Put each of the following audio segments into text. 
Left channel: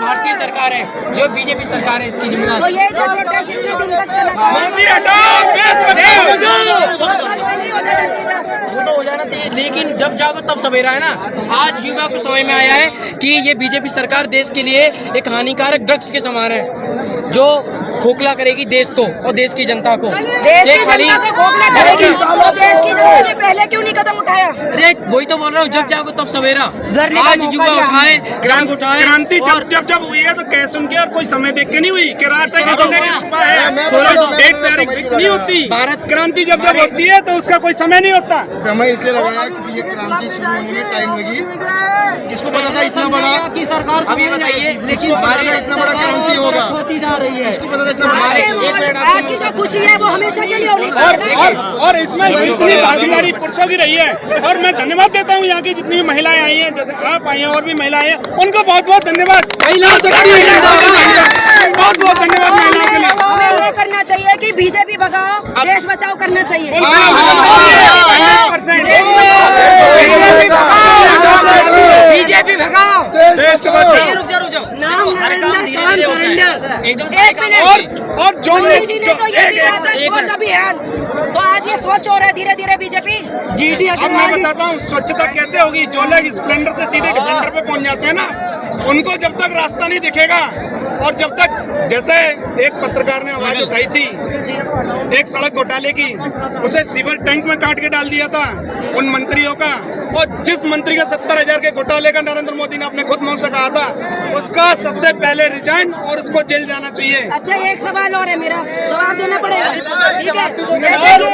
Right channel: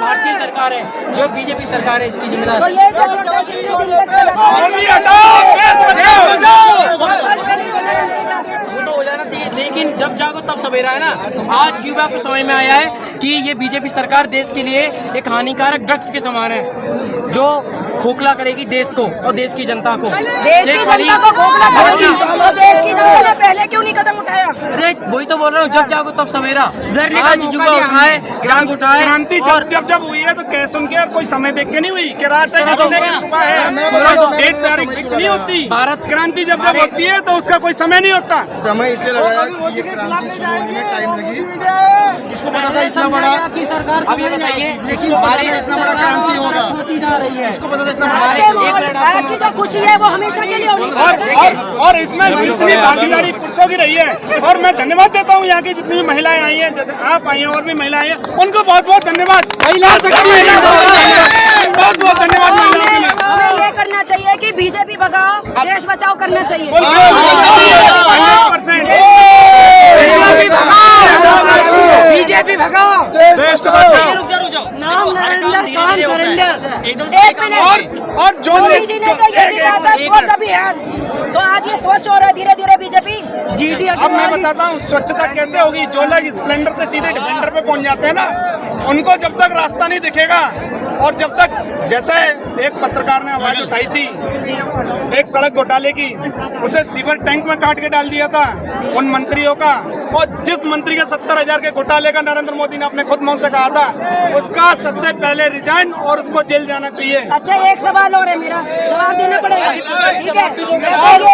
भारतीय सरकार है, जो बीजेपी सरकार है, इसकी जिम्मेदार। तो ये जो वो तो हो जाना चाहिए, लेकिन जब जागो तब सवेरा है ना। आज युवा को समझ में आया है कि ये बीजेपी सरकार देश के लिए एक हानिकारक ड्रग्स के समान है, जो खोखला करेगी देश को और देश की जनता को। देश की जनता को खोखला करेगी, तो देश की जनता ने पहले क्यों नहीं कदम उठाया? अरे वही तो बोल रहा हूँ, जब जागो तब सवेरा। सुधरने का युवा उठाए, क्रांति उठाए। क्रांति जब हुई है तो कैसे उनके और कोई समय देख के नहीं हुई कि रात है कि सुबह है, डेट तारीख फिक्स नहीं होती। भारत क्रांति जब होती है तो उसका कोई समय नहीं होता। समय इसलिए लग रहा है कि ये क्रांति शुरू होने में टाइम लगी। किसको पता था इतना बड़ा आपकी सरकार अब ये बताइए, लेकिन हमारे इतना बड़ा क्रांति होगा? किसको पता था इतना बड़ा? आज की जो खुशी है वो हमेशा के लिए होगी। और इसमें जितनी भागीदारी पुरुषों की रही है, और मैं धन्यवाद देता हूँ यहाँ की जितनी भी महिलाएं आई हैं, जैसे आप आई हैं और भी महिलाएं हैं, उनको बहुत बहुत धन्यवाद। बहुत बहुत धन्यवाद महिलाओं के लिए। हमें ये करना चाहिए कि बीजेपी भगाओ, देश बचाओ करना चाहिए। 100% बीजेपी भगाओ, देश को बचाओ। नाम नरेंद्र काम सुरेंद्र। एक मिनट, और जो मोदी जी ने तो ये भी कहा था स्वच्छ अभियान, तो आज ये स्वच्छ हो रहा है धीरे धीरे बीजेपी। अब मैं बताता हूँ स्वच्छता कैसे होगी। जो लोग स्प्लेंडर से सीधे डिफेंडर पे पहुंच जाते हैं ना, उनको जब तक रास्ता नहीं दिखेगा, और जब तक, जैसे एक पत्रकार ने आवाज उठाई थी एक सड़क घोटाले की, उसे सीवर टैंक में काट के डाल दिया था उन मंत्रियों का, और जिस मंत्री का 70,000 के घोटाले का नरेंद्र मोदी ने अपने खुद मुंह से कहा था, उसका सबसे पहले रिजाइन और उसको जेल जाना चाहिए। अच्छा, एक सवाल और है मेरा, जवाब देना पड़ेगा, ठीक है? जैसे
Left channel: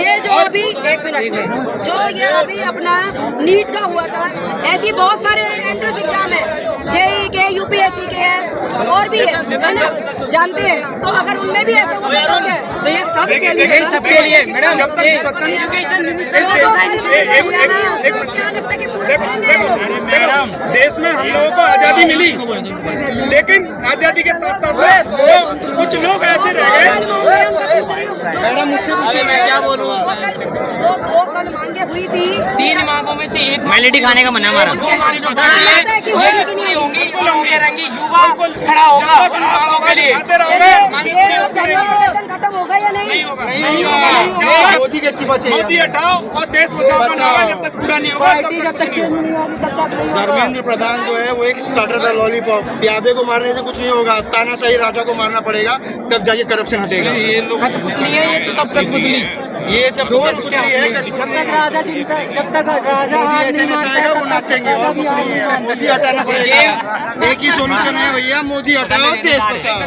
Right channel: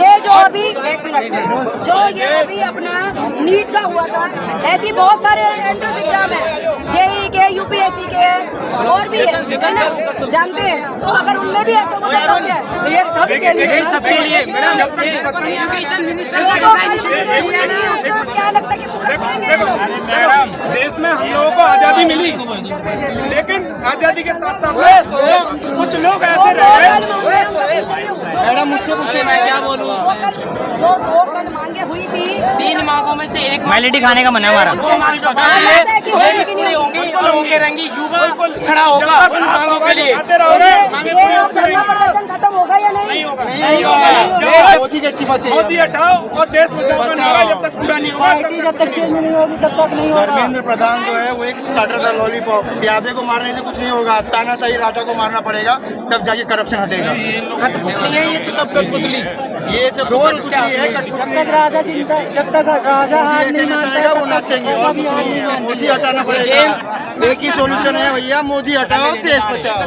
ये जो अभी, एक मिनट, जो ये अभी अपना नीट का हुआ था, ऐसी बहुत सारे एंट्रेंस एग्जाम है, जेईई के, यूपीएससी के हैं, और भी है ना, जानते हैं? तो अगर उनमें भी ऐसा हुआ तो क्या है? तो ये सब के लिए, सबके लिए मैडम, एजुकेशन मिनिस्टर क्या लगता है कि पूरा करेंगे? देखो, देश में हम लोगों को आजादी मिली, लेकिन आजादी के साथ साथ कुछ लोग ऐसे रह गए। मैडम मुझसे पूछिए, मैं क्या बोलूँ? जो 2 कल मांगे हुई थी, 3 मांगों में से एक मैलिटी खाने का मन है हमारा। 2 मांग जो पूरी होंगी और उनके रंगी युवा खड़ा होगा उन मांगों के लिए। आते रहोगे, मांगे पूरी होती धरना प्रदर्शन खत्म होगा या नहीं? नहीं होगा। मोदी का इस्तीफा चाहिए। मोदी हटाओ और देश बचाओ का नारा जब तक पूरा नहीं होगा तब तक कुछ नहीं होगा। धर्मेंद्र प्रधान जो है वो एक स्टार्टर था लॉलीपॉप। प्यादे को मारने से कुछ नहीं होगा, तानाशाही राजा को मारना पड़ेगा, तब जाके करप्शन हटेगा। ये तो सब कठपुतली, ये सब कुछ नहीं है। जब तक राजा हाथ नहीं चाहेगा वो नाचेंगे और कुछ नहीं है। मोदी हटाना पड़ेगा। एक ही सोल्यूशन है भैया, मोदी हटाओ, देश बचाओ।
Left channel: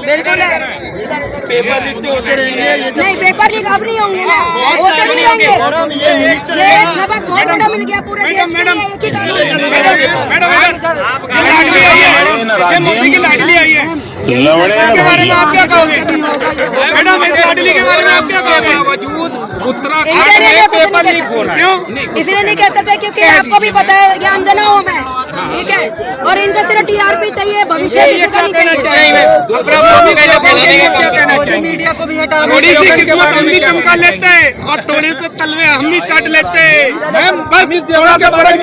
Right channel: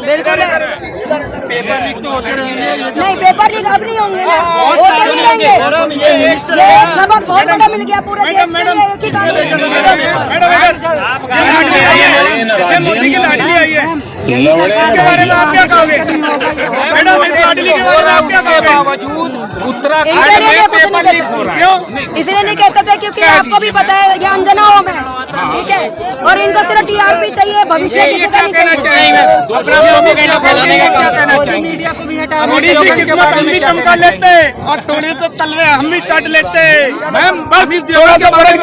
पेपर लीक तो होते रहेंगे, ये सब नहीं, पेपर लीक अब नहीं होंगे ना, वो तो नहीं होंगे। मैडम ये मिनिस्टर ये एक सबक बहुत बड़ा मिल गया पूरे देश के लिए। एक ही साल ये मोदी की लाडली आई है, इसके बारे में आप क्या कहोगे? मैडम, इस लाडली के बारे में आप क्या कहोगे? उत्तराखंड में पेपर लीक हो रहा है, क्यों? इसलिए नहीं कहते थे क्योंकि आपको भी पता है ज्ञान जना हूँ मैं, ठीक है? और इनको सिर्फ टीआरपी चाहिए, भविष्य किसी का नहीं चाहिए। थोड़ी सी किस्मत हम भी चमका लेते हैं और थोड़े से तलवे हम भी चाट लेते हैं, बस थोड़ा सा फर्क